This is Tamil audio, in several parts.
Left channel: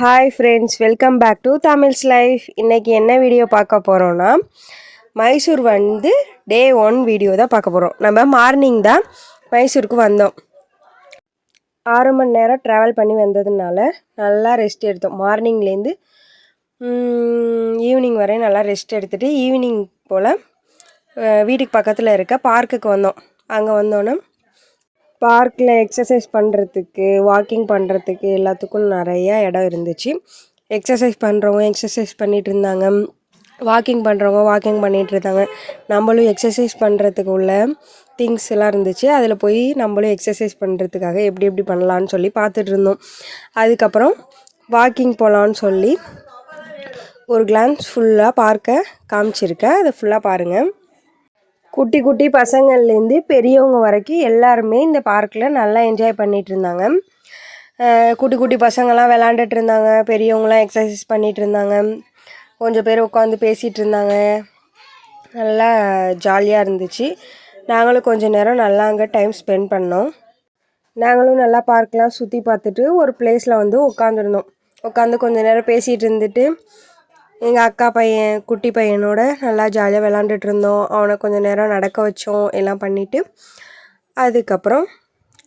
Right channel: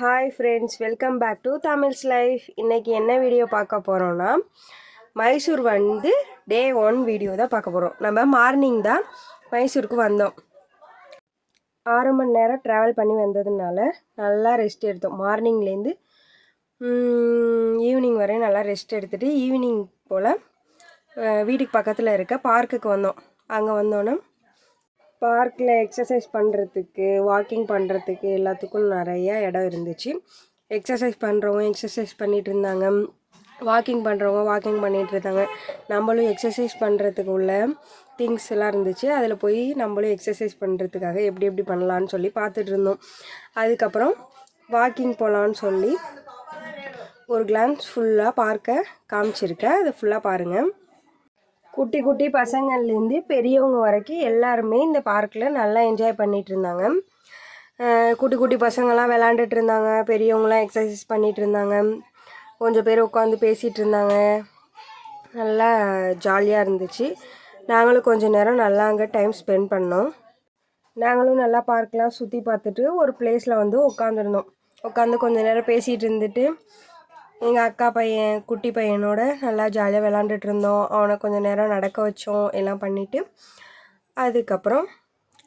Hi friends, welcome back to Tamils life. இன்றைக்கி என்ன வீடியோ பார்க்க போகிறோன்னா, மைசூர் டே 1 வீடியோ தான் பார்க்க போகிறோம். நம்ம மார்னிங் தான் மைசூருக்கு வந்தோம். 6 மணி நேரம் ட்ராவல் பண்ணி வந்ததுனால நல்லா ரெஸ்ட் எடுத்தோம். மார்னிங்லேருந்து ஈவினிங் வரையும் நல்லா ரெஸ்ட் எடுத்துகிட்டு ஈவினிங் போல் வீட்டுக்கு பக்கத்தில் இருக்க பார்க்குக்கு வந்தோம். அங்கே வந்தோன்னே பார்க்கில் எக்ஸசைஸ் பண்ணுறதுக்கு, வாக்கிங் பண்ணுறதுக்கு எல்லாத்துக்கும் நிறையா இடம் இருந்துச்சு. எக்ஸசைஸ் பண்ணுறவங்க எக்ஸசைஸ் பண்ணிகிட்டு இருந்தாங்க, வாக்கிங் பண்ணுறவங்க வாக்கிங் பண்ணிகிட்டு இருந்தாங்க. நம்மளும் எக்ஸசைஸ் பண்ணுறதுக்கு உள்ள திங்ஸ் எல்லாம் இருந்துச்சு. அதில் போய் நம்மளும் எக்ஸசைஸ் பண்ணுறதுக்காக எப்படி எப்படி பண்ணலான்னு சொல்லி பார்த்துட்டு இருந்தோம். அதுக்கப்புறம் வாக்கிங் போகலான்னு சொல்லி ஒரு கிளான்ஸ் ஃபுல்லாக பார்க்க காமிச்சிருக்கேன். அதை ஃபுல்லாக பாருங்கள். குட்டி குட்டி பசங்கள்லேருந்து பெரியவங்க வரைக்கும் எல்லாருமே இந்த பார்க்கில் நல்லா என்ஜாய் பண்ணிகிட்டு இருந்தாங்க. குட்டி குட்டி பசங்கள்லாம் விளாண்டுட்டு இருந்தாங்க, பெரியவங்களாம் எக்ஸசைஸ் பண்ணிகிட்டு இருந்தாங்க, கொஞ்சம் பேர் உட்காந்து பேசிகிட்டு இருந்தாங்க. நல்லா ஜாலியாக இருந்துச்சு. நாங்களும் கொஞ்சம் நேரம் நல்லா அங்கே டைம் ஸ்பெண்ட் பண்ணோம். நாங்களும் நல்லா பார்க்லாம் சுற்றி பார்த்துட்டு ஒரு பிளேஸில் வந்து உட்காந்துருந்தோம். உட்காந்து கொஞ்சம் நேரம் பேசிகிட்டு இருந்துட்டு எங்கள் அக்கா பையன் குட்டி பையனோட நல்லா ஜாலியாக விளாண்டுட்டு இருந்தோம். அவனை கொஞ்சம் நேரம் நடக்க வச்சோம், எல்லாம் பண்ணிவிட்டு அதுக்கப்புறம்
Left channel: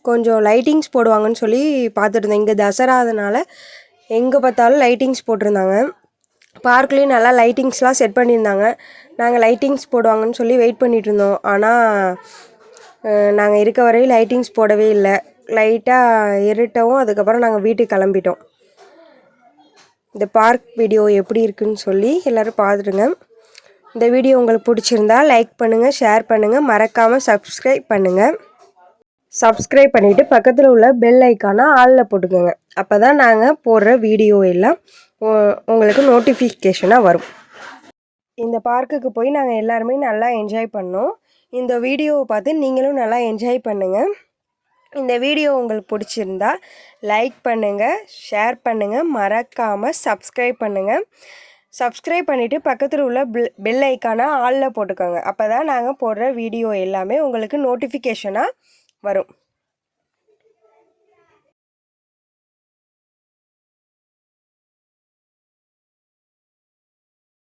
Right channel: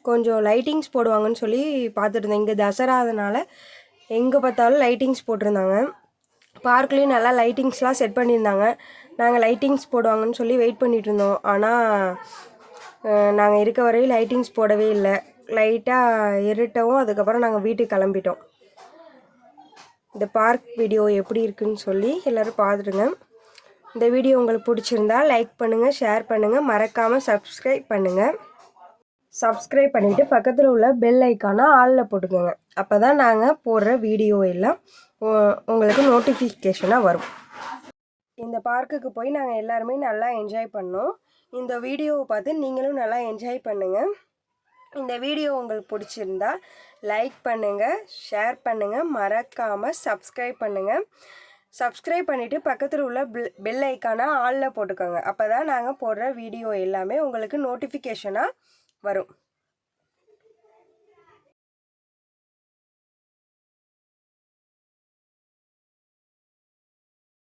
கொஞ்சம் லைட்டிங்ஸ் போடுவாங்கன்னு சொல்லி பார்த்துட்டு இருந்தோம். இங்கே தசரா அதனால் எங்கே பார்த்தாலும் லைட்டிங்ஸ் போட்டிருந்தாங்க. பார்க்லேயும் நல்லா லைட்டிங்ஸ்லாம் செட் பண்ணியிருந்தாங்க. நாங்கள் லைட்டிங்ஸ் போடுவாங்கன்னு சொல்லி வெயிட் பண்ணிகிட்டு இருந்தோம். ஆனால் நாங்கள் இருக்க வரையும் லைட்டிங்ஸ் போடவே இல்லை. லைட்டாக இருட்டவும் அதுக்கப்புறம் நாங்கள் வீட்டுக்கு கிளம்பிட்டோம். இந்த பார்க் வீடியோ எப்படி இருக்குன்னு சொல்லி எல்லோரும் பார்த்துடுங்க. இந்த வீடியோ உங்களுக்கு பிடிச்சிருந்தா லைக் பண்ணுங்கள், ஷேர் பண்ணுங்கள், மறக்காமல் சப்ஸ்கிரைப் பண்ணுங்கள். சப்ஸ்கிரைப் பண்ணிவிட்டு பக்கத்தில் உள்ள பெல் ஐக்கானை ஆளில் போட்டுக்கோங்க. அப்போ தான் நாங்கள் போடுற வீடியோ எல்லாம் உங்களுக்கு நோட்டிஃபிகேஷனாக வரும். இந்த பார்க்குக்கு போய் நாங்கள் எல்லாருமே நல்லா என்ஜாய் பண்ணோம். இந்த வீடியோவை பார்த்து நீங்களும் நல்லா என்ஜாய் பண்ணுங்கள். இந்த வீடியோ உங்களுக்கு பிடிச்சிருந்தா லைக் பண்ணுங்கள், ஷேர் பண்ணுங்கள், மறக்காமல் சப்ஸ்கிரைப் பண்ணுங்கள். சப்ஸ்கிரைப் பண்ணிவிட்டு பக்கத்தில் உள்ள பெல் ஐக்கானை ஆளில் போட்டுக்கோங்க. அப்போ தான் நாங்கள் போடுற வீடியோ எல்லாமே உங்களுக்கு நோட்டிஃபிகேஷனாக வரும்.